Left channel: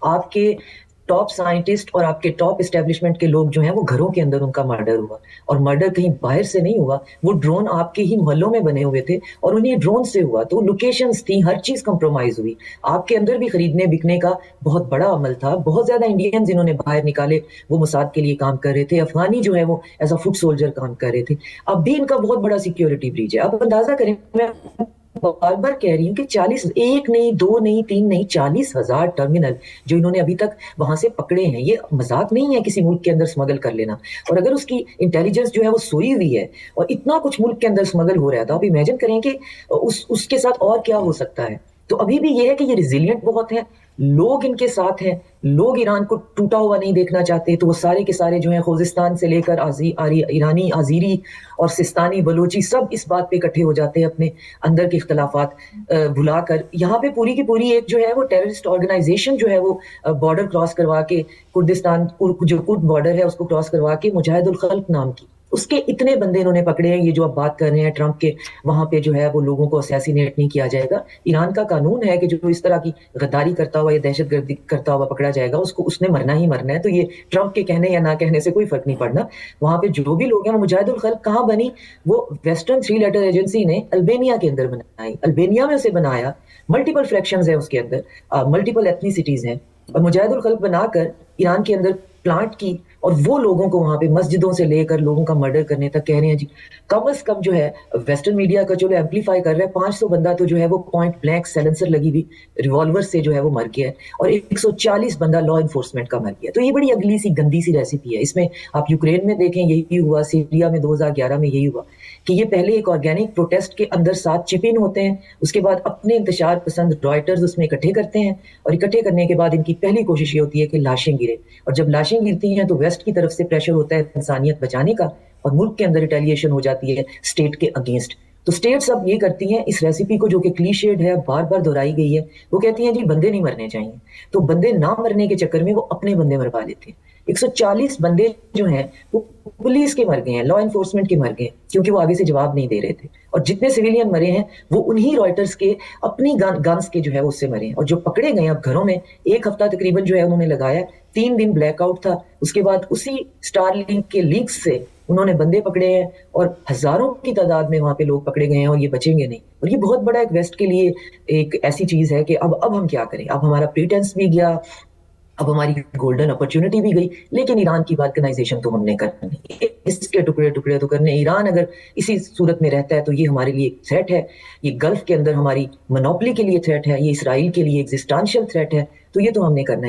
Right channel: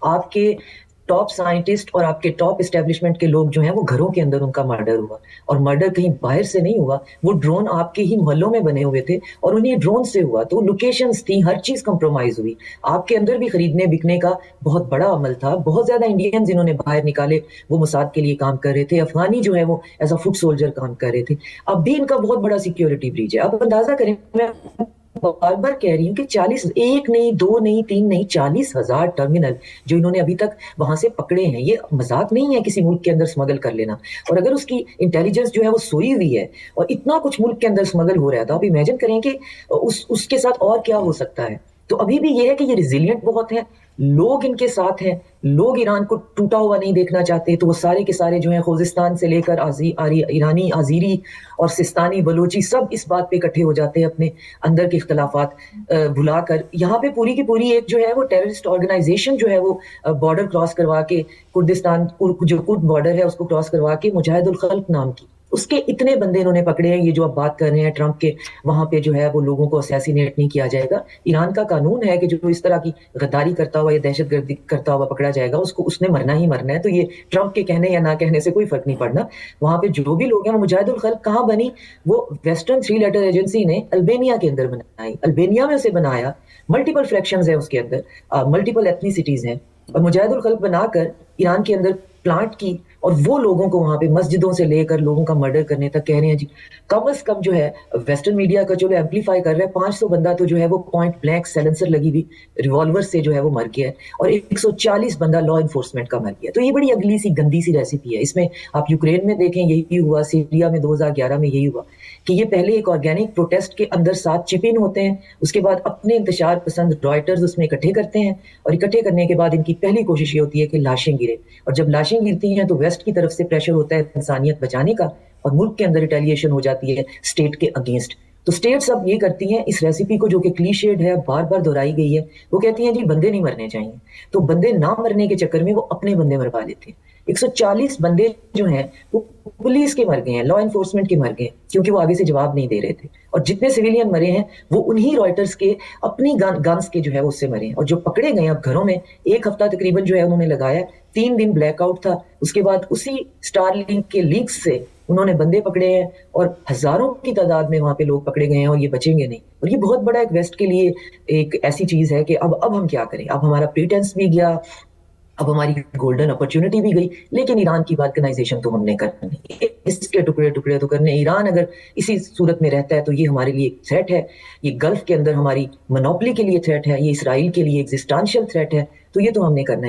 آپ کے top scientist اور آپ کے ٹاپ اسٹیبلشمنٹ کے لوگ جو ہیں وہ گھروں کے اندر ان کا مرڈر ہوا، اور مرڈر کہیں باہر سے نہیں ہوا، وہ ڈرون آپ کے ہی محلوں میں بنے ہوئے تھے اور انہیں ڈرون سے ہوا، تو لوکیشنز تھیں، ہر چیز کمپرومائز ہوئی. آپ کے اندر بھی خریدنے بکنے کا بہت بڑا عمل تھا. بہت زیادہ انڈینز انہوں نے باہر نکالے، وہ موساد کے لیے کام کر رہے تھے، افغانی جو ہے وہ ایز اے فٹ سولجر کام کر رہے تھے. اب بھی ان کا بہت بڑا سیکیورٹی بریچ ہے. اب اندازہ کریں، میں بار بار کہہ رہی ہوں کہ 40، ایک نہیں، دو نہیں، تین نہیں، 40,000 ٹرمینل جو انہوں نے ابھی تک وہاں سے پکڑے ہیں. یہ مذاق نہیں ہے کسی ملک کے اندر اسمگل کر لینا. اور اگر اس کی انٹیلیجنس جو ہے وہ سوئی ہوئی ہے اور اتنا کچھ ملک کے اندر اسمگل ہو رہا تھا، اب امیجن کریں کہ اس کے ساتھ اور کیا ہو سکتا ہے. تو ابھی بھی یہ ہے کہ یہ ریزیلینٹ بہت ہے، لوگ ان کے ساتھ ہیں، لوگ ایران کو ٹوٹا ہوا نہیں دیکھنا چاہتے. تو وہ سارے کے سارے جو ہیں خوزستان سے لے کر ایرانی، آذری اور سستانی، بلوچی، سب اس بات پہ اکٹھے ہو جاتے ہیں اپنے اندر کے اختلافات بھلا کر. یہاں پہ پوری کی پوری ایک جو ہے وہ ٹیررسٹ آرگنائزیشن جو ہے وہ بارڈر کراس کروا کے، کردستان جو کرد بارڈر ہے اس کو کراس کروا کے، مجاہد الخلق نام کی، اس کے اتنے بندے انہوں نے پکڑے ہیں. یہ جو اب بات کر رہے ہیں ٹرمپ کے، وہاں پہ جو ہے وہ لوگوں کو اسیسینیٹ نہیں کیا جائے گا. ایران کا قانون ہے کہ جو اس طرح کی غداری کرتا ہوا یا دہشت گردی کرتا ہوا پکڑا جائے گا، اس نے مرنا ہی مرنا ہے. تو یہ ٹرمپ کے کہنے یا نہ کہنے سے کوئی فرق نہیں پڑنا. وہاں پہ جو بھی لوگ ہیں، مجاہد الخلق کہاں بنی؟ ویسٹرن 3 لیٹر ایجنسی نے البینیا کے اندر بنائی، البینیا میں سے بنایا. ملٹیپل فریکشنز ہیں اس کے اندر، ملٹیپل ایتھنیسٹیز ہیں، اور مجاہد الخلق بنا کر ایران کے اندر پلانٹ کی، اور وہ لوگوں کو وہاں پہ مسجدوں سے لے کر لوگوں کا مرڈر کرنے تک کہہ رہے ہیں. جی کم از کم جو ہے ویسٹرن میڈیا کا چلو ایمپلیفائی کر رہے ہیں، 500 بندہ تو جو ہے وہ پوائنٹ بلینک سیلنسر لگی ہوئی ریوالور سے جو ہے وہ مر گیا ہے، اور 140 بندہ لا انفورسمنٹ کا مر گیا. تو یہ بڑی اگلی سی گندی سی ریسیپی ہے. اس میں آپ یوکرین میں دیکھیں یہی ہوا، سیریا میں 2011 میں یہی ہوا کہ یہ پہلے ایک آرگینک پروٹیسٹ کے اندر 7 چپ ان ہوتے ہیں، اس کے بعد اپنے انتشار پسند رائٹرز اس میں اکٹھے کرتے ہیں، اور اکٹھے کرنے کے بعد ان کی پہلی کوشش یہ ہوتی ہے کہ لاشیں گرے. اور جب لاشیں گرتی ہیں تو ویسٹ کی طرف سے پریشر ہوتا ہے انسانیت بچانے کا، اور ملک کے اندر ریٹیلیشن ہو جاتی ہے اسٹیٹ کے اگینسٹ. تو اسٹیٹس اب یہ کرتی ہیں اس ریسیپی کو، جو کہ کلیشیڈ ہے، بار بار دہرائی گئی ہے. وہ کہتی ہیں جی بندے نہیں مرنے چاہیے، تو بندے نہ مرنے کے چکر میں وہ اپنے بندے مروا لیتے ہیں. 140 بندے جو ہیں وہ پولیس کے مر گئے ہیں، لا انفورسمنٹ کے مر گئے ہیں، کیونکہ وہ آگے سے جواب نہیں دے رہے تھے. اور جتنے سویلین مرے ہیں وہ انہی رائٹرز کے اپنی گنز کے جو ہے اس سے مرے ہیں. اور جو پکڑے گئے اب گھروں میں، 1 ہفتہ تقریباً جو ہے انہوں نے لگایا، 3 دن بلیک آؤٹ تھا. اس کے بعد اسی اسٹار لنک کے لیکس سے انہوں نے بندے پکڑے ہیں، اور ہزاروں کی تعداد میں وہاں پہ لوگ پکڑے گئے ہیں، اور یہ بچیں گے نہیں. اور یہ بہت بڑا ایک ویسٹ کے لیے ایک ایسی چیز ہے کہ اب ہم کیا کریں. اب ہمارا پیٹنس بھی گیا، اب ہماری گولڈن اپرچونٹی بھی گئی، لیکن ایران کی بالکنائزیشن تو ہم نے کرنی، اس کے ٹکڑے ٹکڑے تو کرنے. ایران اگر اسی صورت میں رہتا ہے تو یہ ہمارے لیے ایک تھریٹ ہے، یہ گلف کے اندر ہماری منوپلی کے لیے تھریٹ ہے، یہ اسرائیل کے لیے ایگزسٹانشل تھریٹ ہے. تو یہ تو ہم نے کرنا ہے.